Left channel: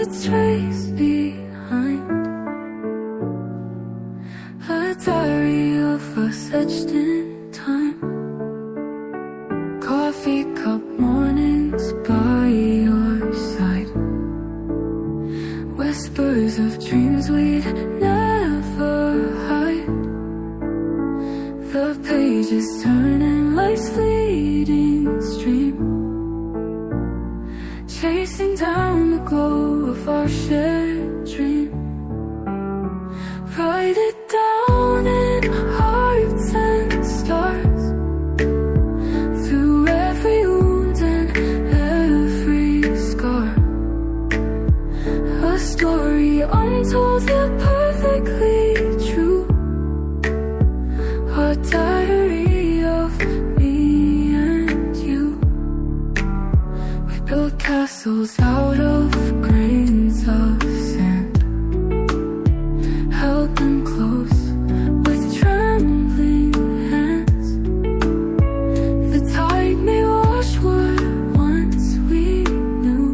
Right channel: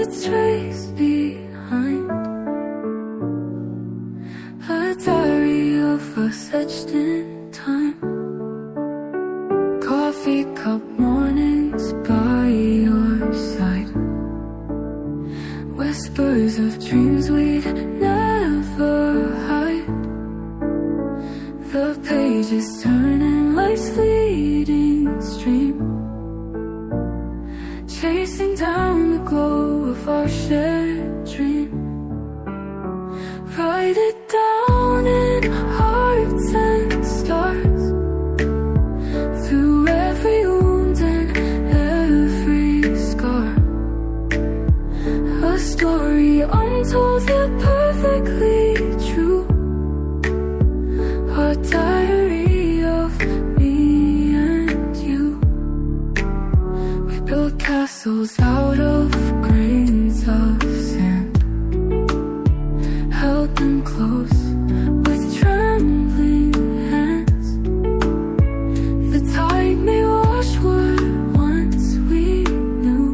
its trace behind. A diary of us etched in time. Coffee cup mornings by your side. Whispers of dreams we'd never hide. The pages turn in life's fleeting stream, chasing down the glow of our shared dream. Write it down in hearts and stars, through every wound and every scar. A story untold yet perfectly true. A diary of me and you. We built castles out of grains of sand, held them close with trembling hands. The tide may wash what once we knew,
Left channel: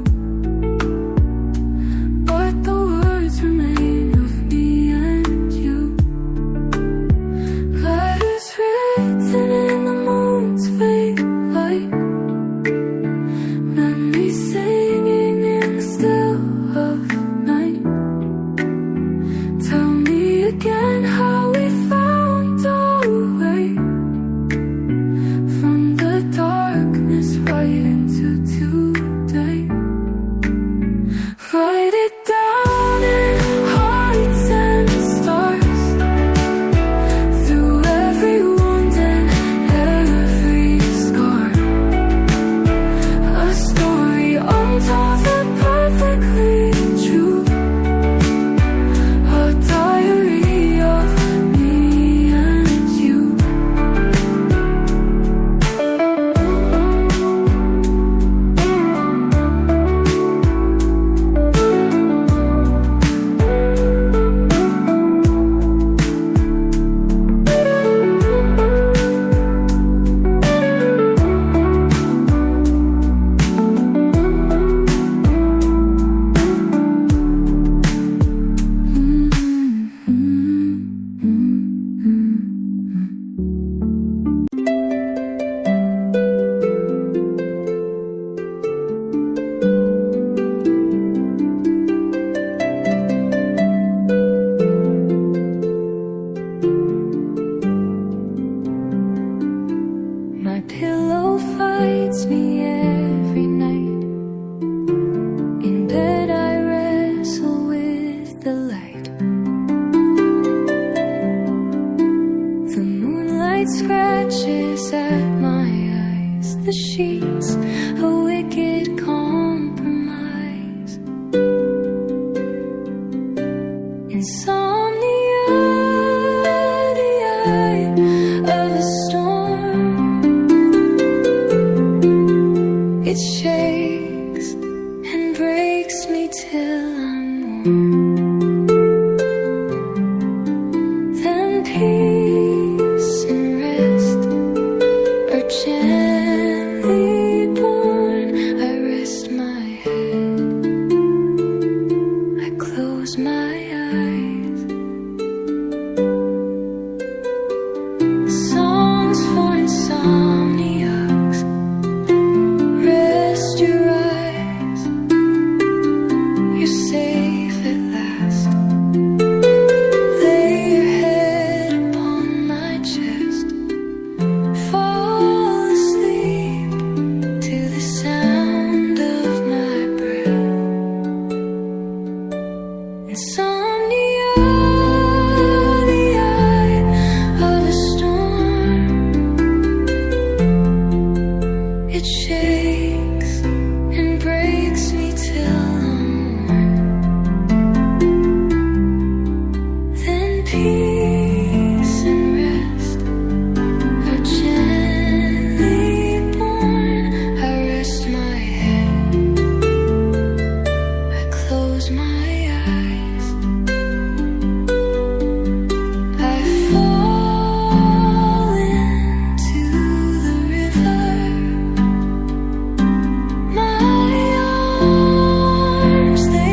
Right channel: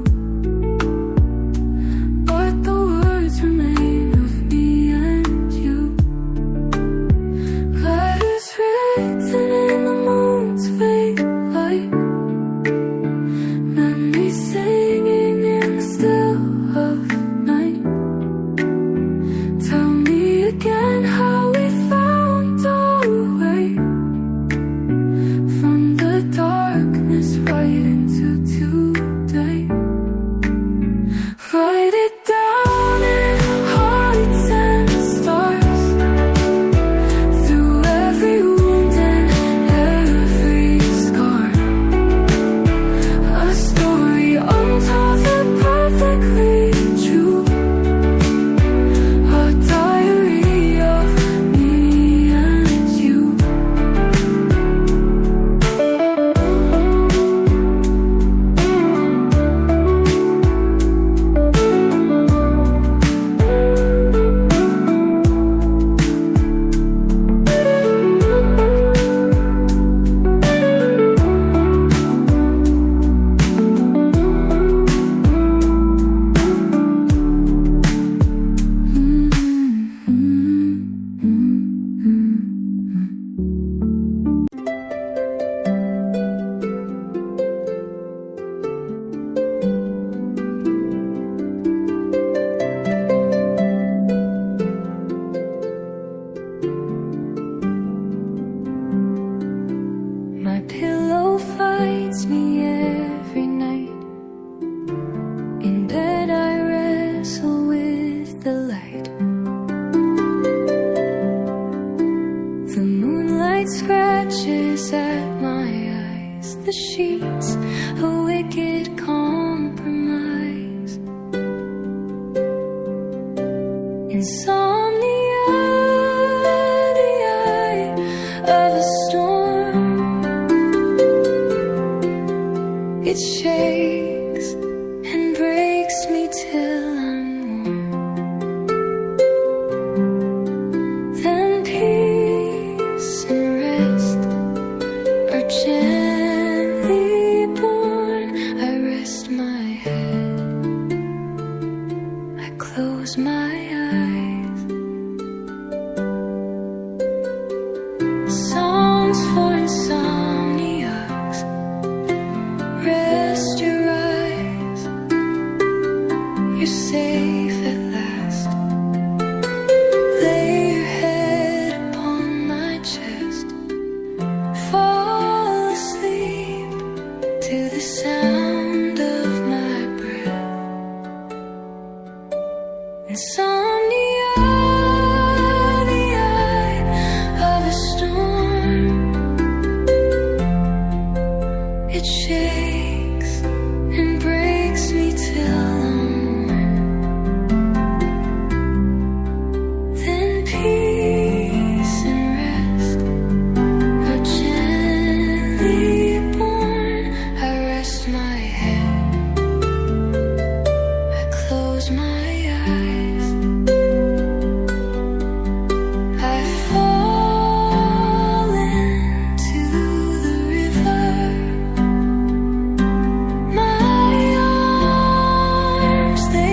but the words remain of me and you. Letters written in the moon's faint light, memories singing in the still of night. Tell me again how we found our way from the darkness right into today. Write it down in hearts and stars, through every wound and every scar. A story untold yet perfectly true. A diary of me and you. My pillow fights me every night. In bed I wrestle with the light. The moonlight scratches at my eyes. The sheets a wicked compromise. Insomnia, the eye of a storm. It shakes and breaks me till I'm warm. Then peace and rest are gently born. I rest my head, I close my eyes. Songs for insomniacs. Rest your eyes, you're safe at last. Lay your head upon my chest. Fall asleep to the sound of my breath. Insomnia, the eye of a storm. It shakes and breaks me till I'm warm. Then peace and rest are gently born. I rest my head, I close my eyes. I fall into the river. My arms, they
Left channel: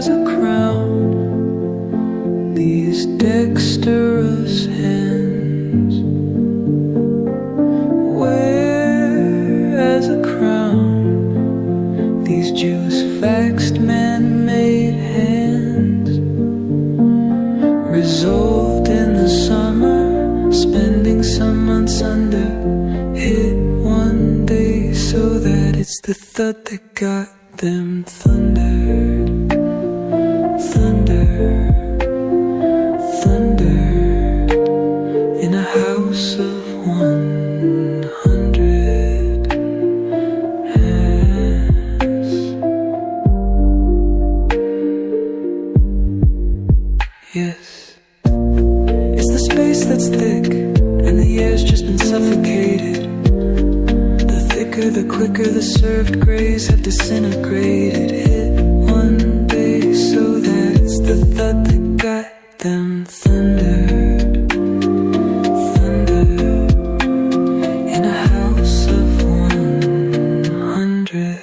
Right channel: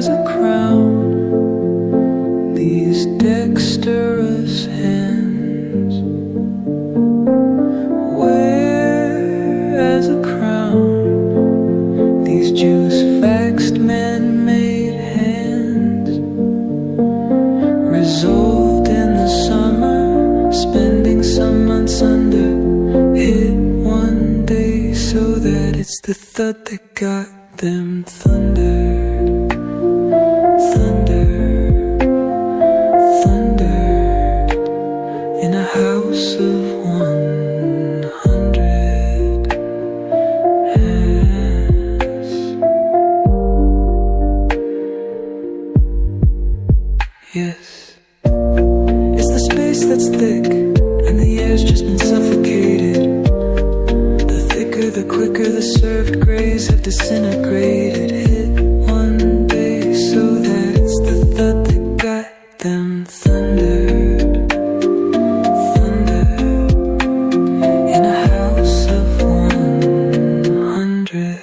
as a crown, these dexterous hands. Wear as a crown these juice-faxed man-made hands. Result in the summer, spending some months under. Hit one day so that it's the thud that got them. Thunder, thunder, thunder in a house of 100 hands. Yes, it's the space that's thick and the air's just been suffocated. The thicker, the quicker the served grays have disintegrated. Hit one day so that it's the thud that got them. Thunder, thunder in a house of 100.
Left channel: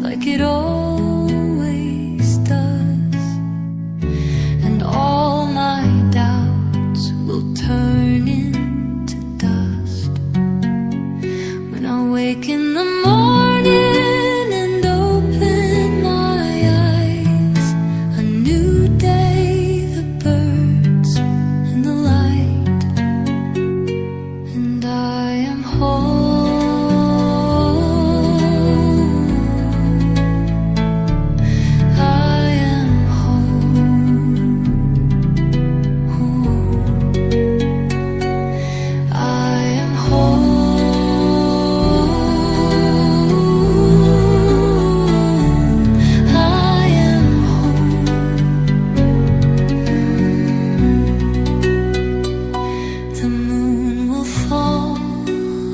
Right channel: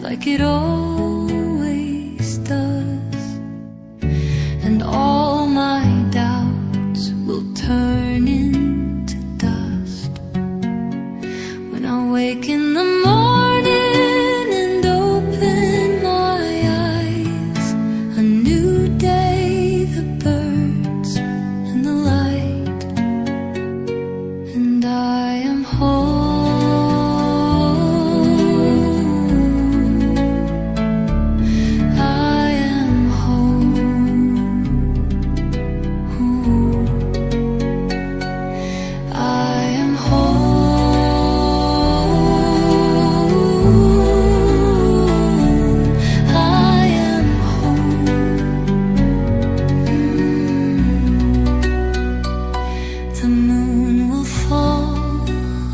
Like it always does, and all my doubts will turn into dust when I wake in the morning and open my eyes. A new day, the birds and the light, and I am home.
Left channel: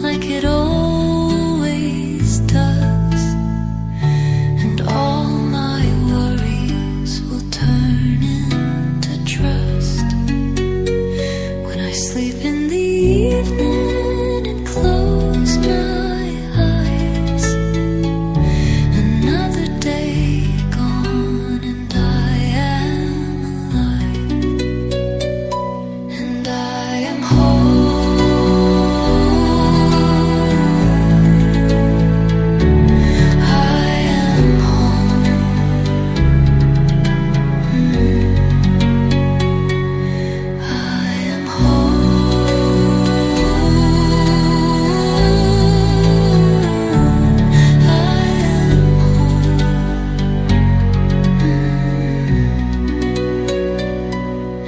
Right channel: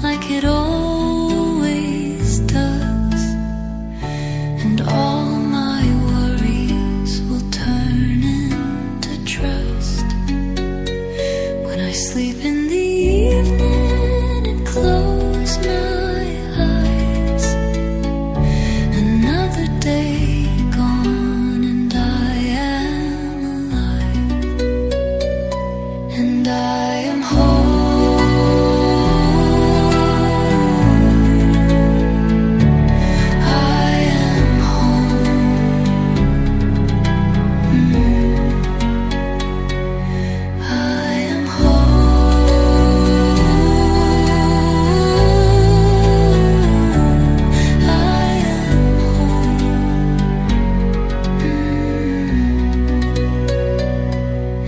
Like it always does, and all my worries will turn into trust when I sleep in the evening and close my eyes. Another day gone and I am alive, and I am whole.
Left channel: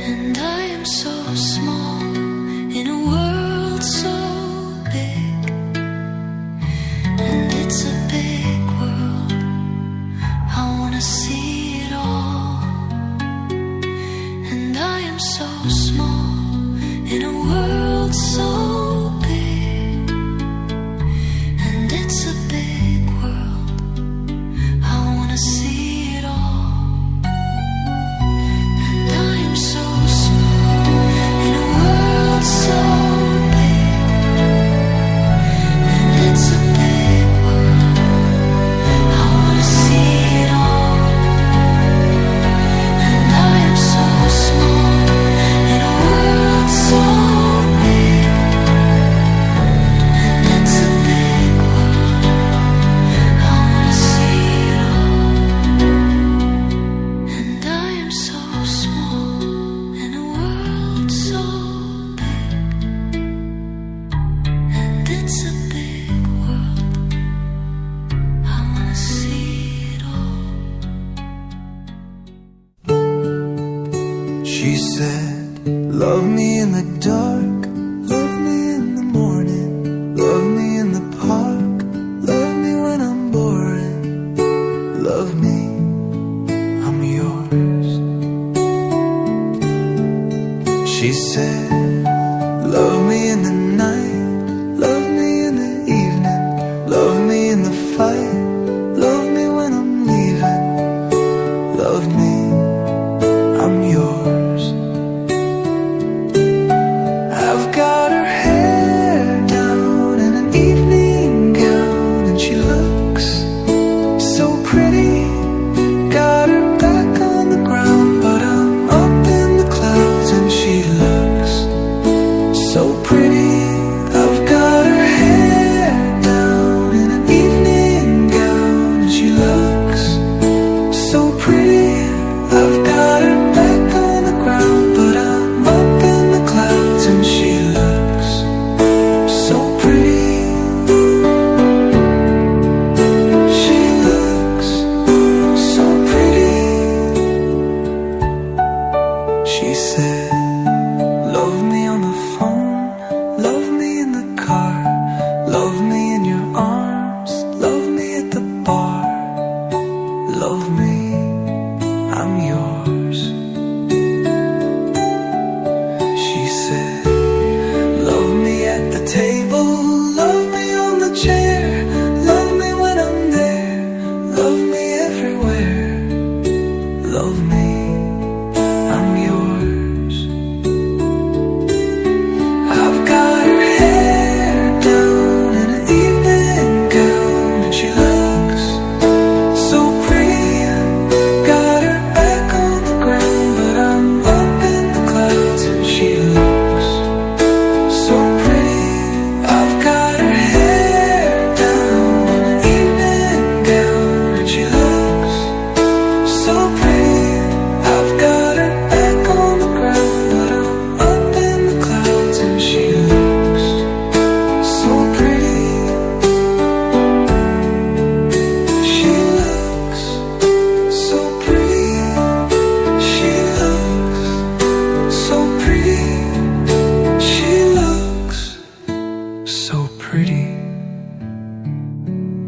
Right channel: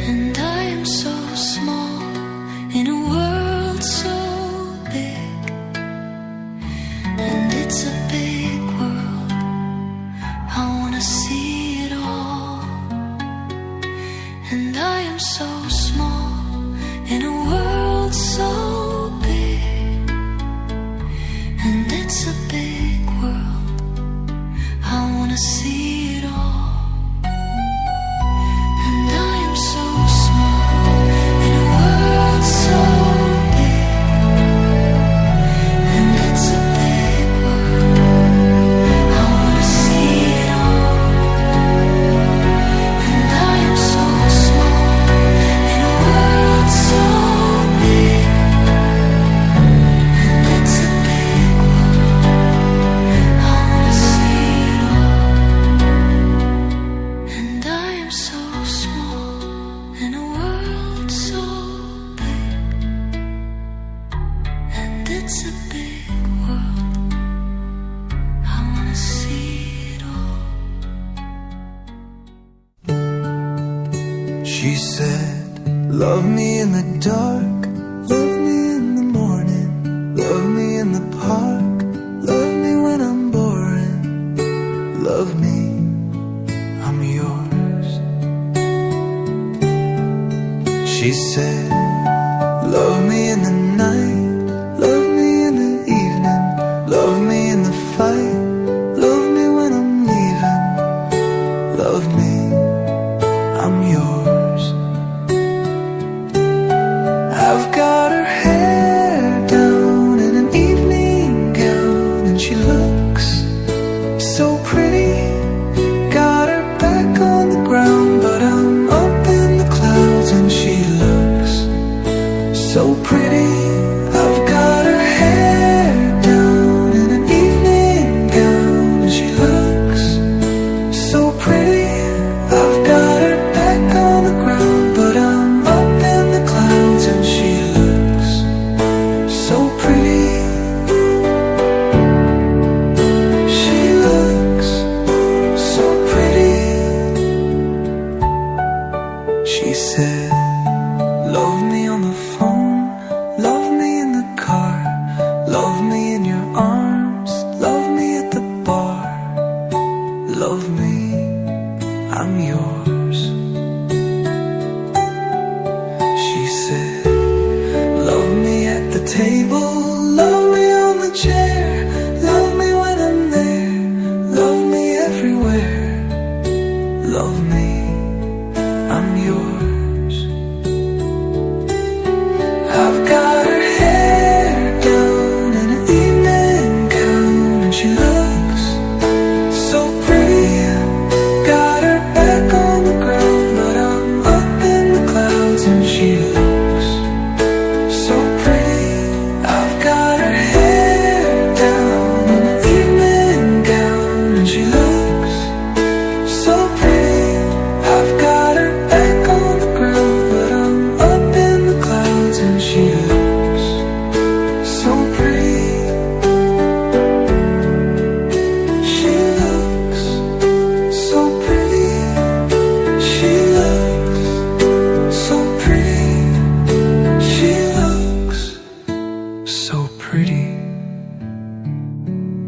And I am so small in a world so big, and it's a big world. I wanna see it all. And I am so small in a world so big, and it's a big world. I wanna see it all. And I am so small in a world so big, and it's a big world. She said, love me in the dark, love me in the morning, love me in the park, love me when I'm boring, love me, I'm yours. She said, love me in the night, love me in the evening, love me in the fight, love me when I'm leaving, love me, I'm yours. I've got her hair down in an evening gown, and she looks so pretty. Got her back on the ground, but I'm up in the clouds, and she looks so pretty. I've got her hair down in an evening gown, and she looks so pretty. I've got her back on the ground, but I'm up in the clouds, and she looks so pretty. She looks so pretty. She said, love me on the phone, love me in the car, love me in your arms, love me at the bar, love me, I'm yours. She said, love me at the table, love me on the chair, love me when I'm there, love me everywhere, love me, I'm yours. I've got her hair down in an evening gown, and she looks so pretty. Got her back on the ground, but I'm up in the clouds, and she looks so pretty. I've got her hair down in an evening gown, and she looks so pretty. I've got her back